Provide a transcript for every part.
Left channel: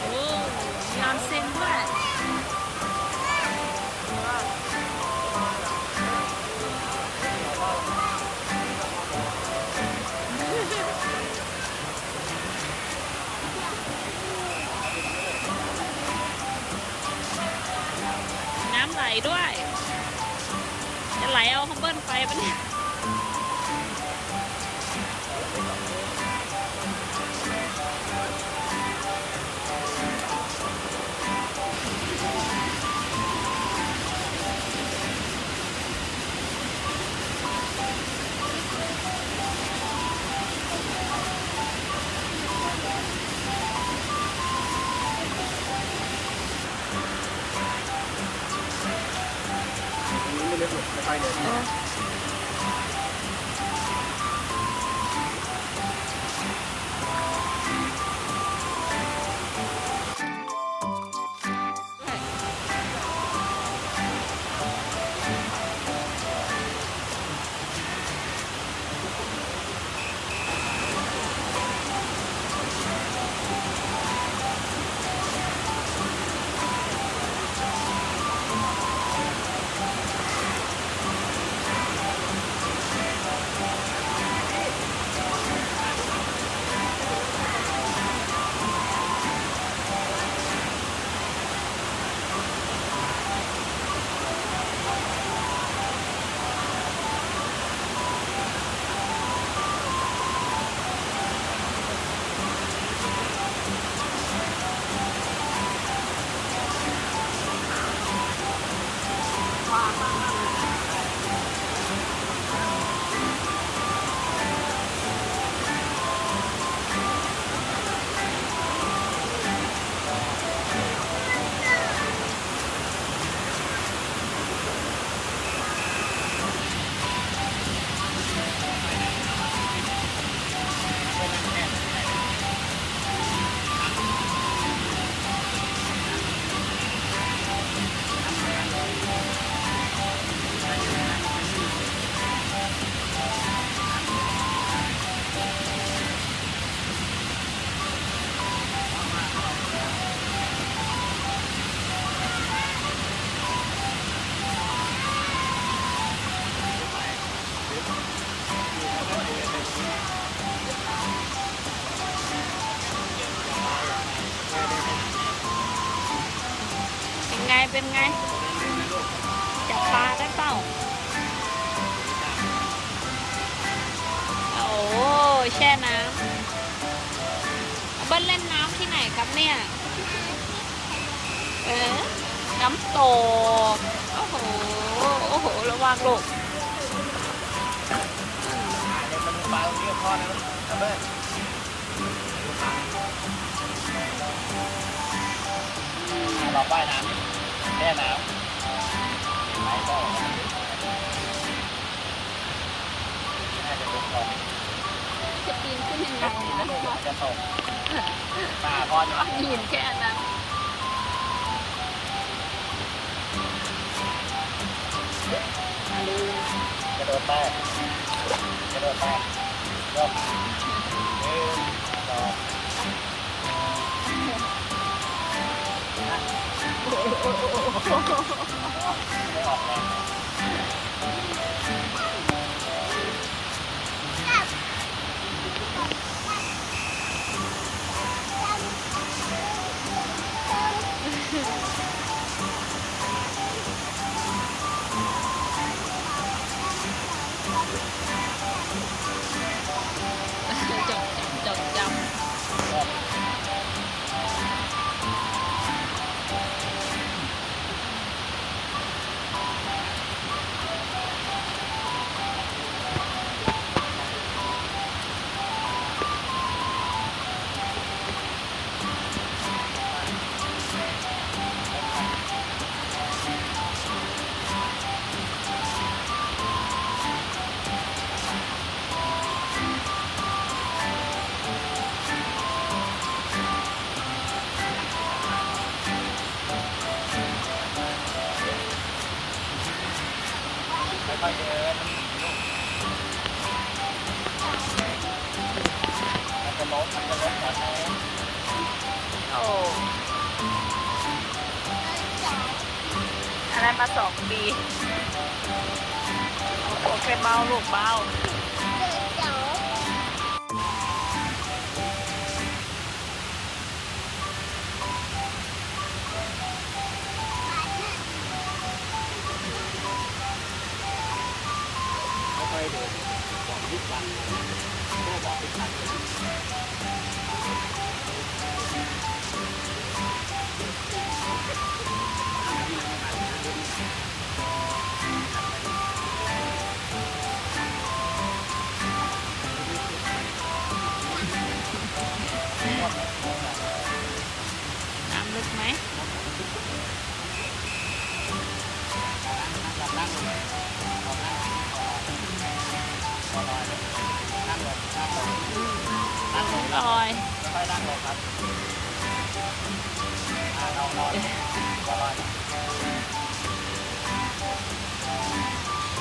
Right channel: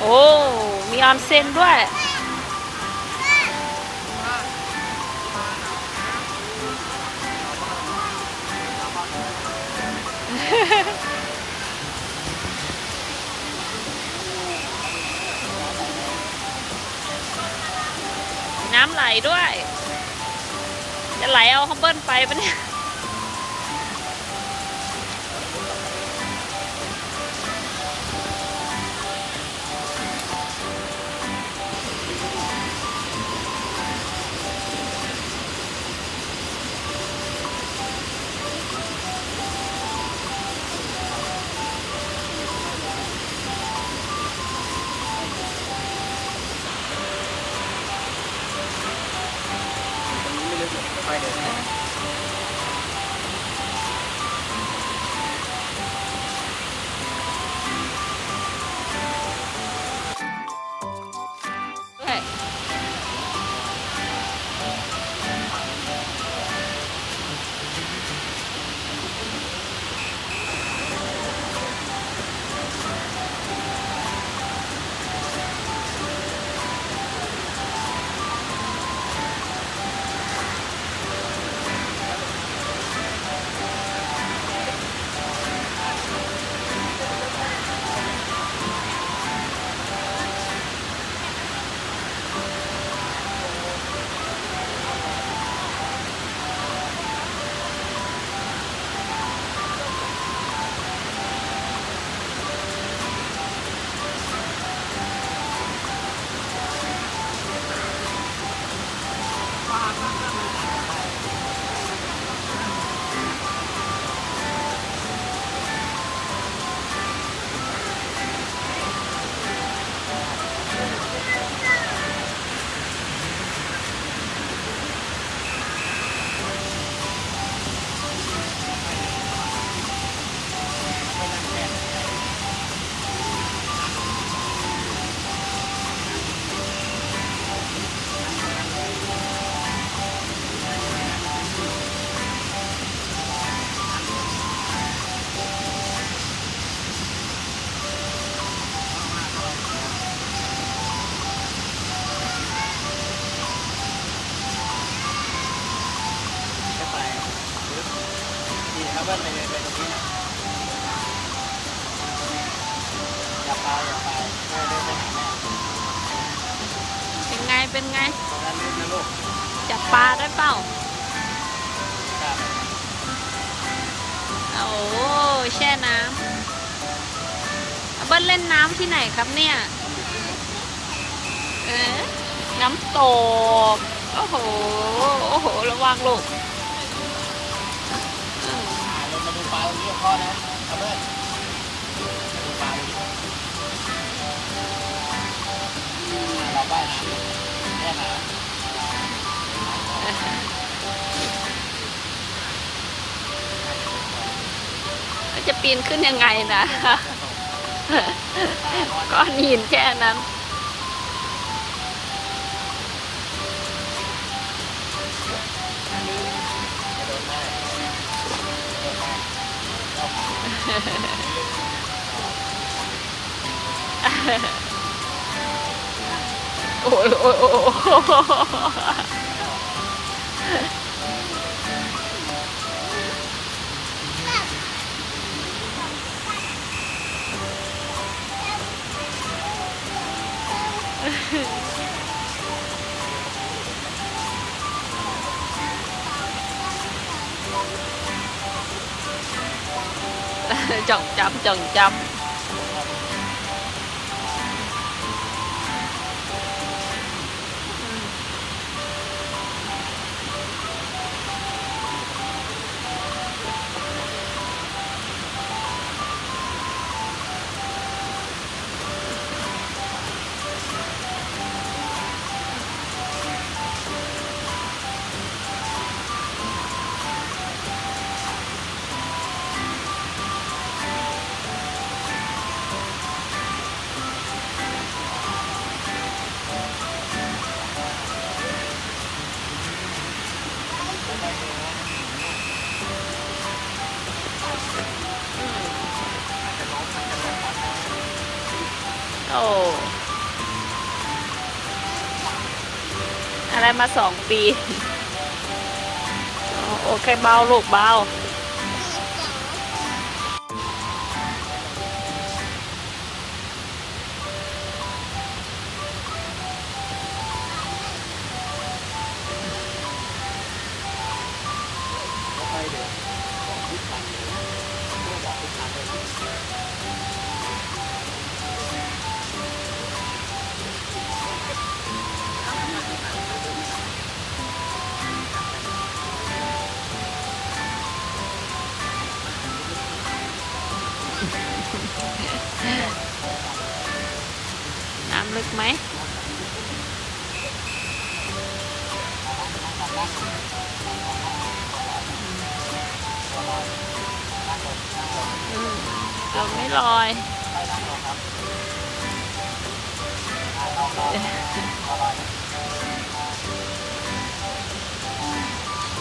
โอ้ มีออนเซ็นด้วย น้ำไหลด้วย จะไหลเอาฮัมเบิลไปปะเนี่ยไปเลยด้วยนี่ครับเพื่อนไปตรงนี้อย่าไปแม่ไปหาแม่ เป็นไง ตรงนั้นนะลูก จับปลาได้เปล่า โอ้แช่น้ำเอาเบิ้ลเล่นน้ำที่ไหนครับเนี่ย เออน้ำตก โอ้โห โอ้โห ระวังลูกอ่า เราว่ายน้ำแช่น้ำ จะปีนขึ้นยังไงนะก้อนหินแค่นั้น กระโดดไปกระโดดไปก็โอ้ยโอ้ยโอ้ย ไม่ออกแรงจ่องจำจ่องจำ 2 ปีโอเคเบาลูกเบาค่อยๆเดินบอกทุกวันเลยพ่อบอกทุกครั้งเลยนะน้ำลึกไหมเราไม่ลอยค่อยนั่งลงครับลองตัวลอยนะ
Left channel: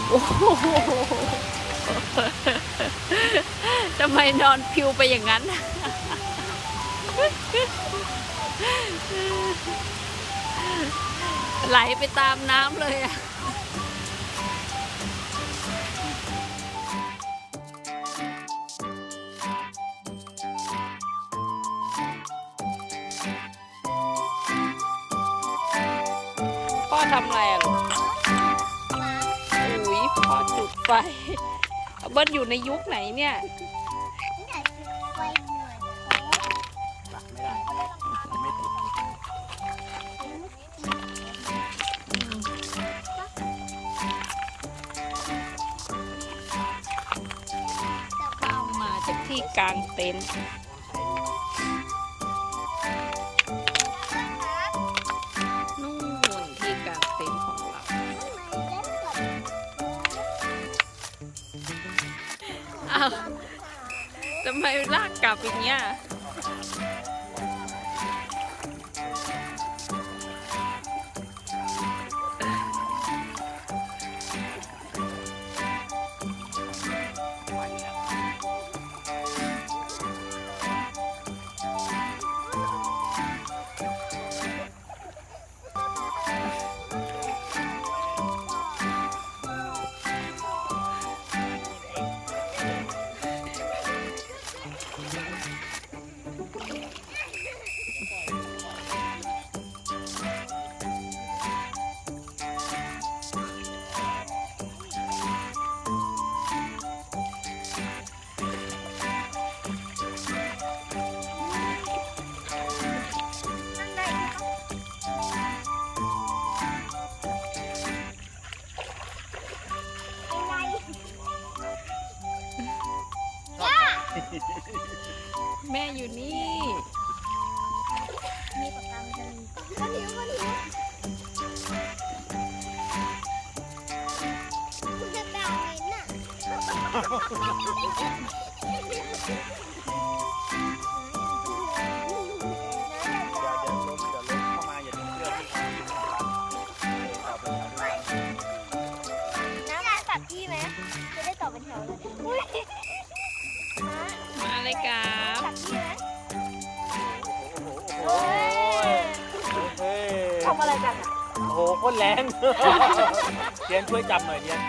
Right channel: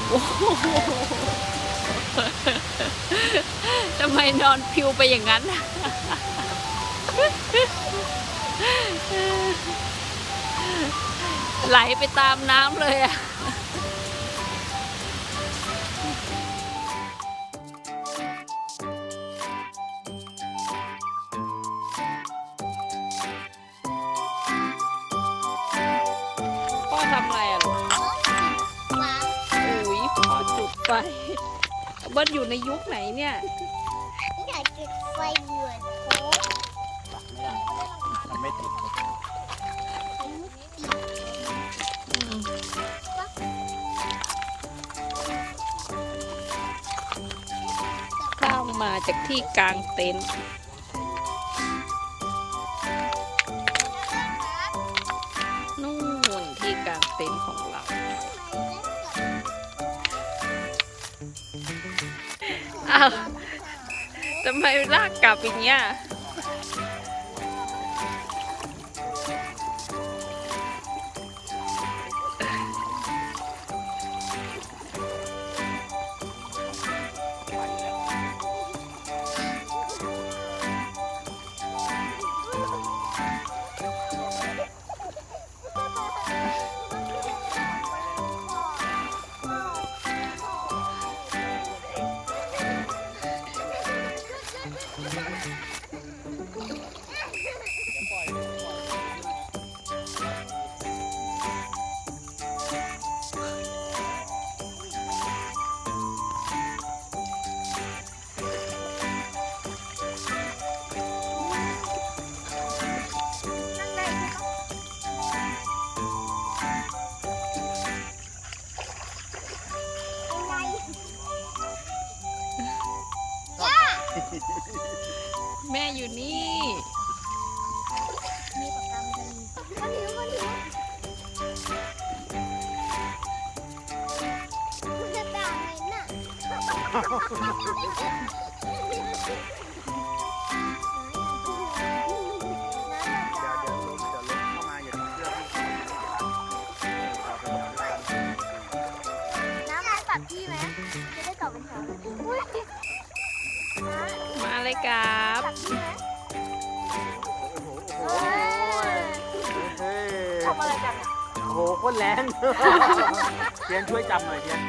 โอ้โหทำไมนอนพิวไปอย่างนั้น ไหลไปตามน้ำเลยอะพ่อทำอะไรอะลูกอุ้ยพ่อจุดไฟเบิ้ลอยู่ในยุคไหนเนี่ย อยากกินไฟเหมือนโค้ก ตักไม่ได้มันไม่ติด ก็มาจากที่กลางเต็นท์นู่นที่กลางเต็นท์ของเราอ้าวทำไมลากกลับอย่างเงี้ยแม่อยู่นี่ มาเลยครับ โอ้โหโคตรแรงเทียนช่วยจับหน่อยเทียน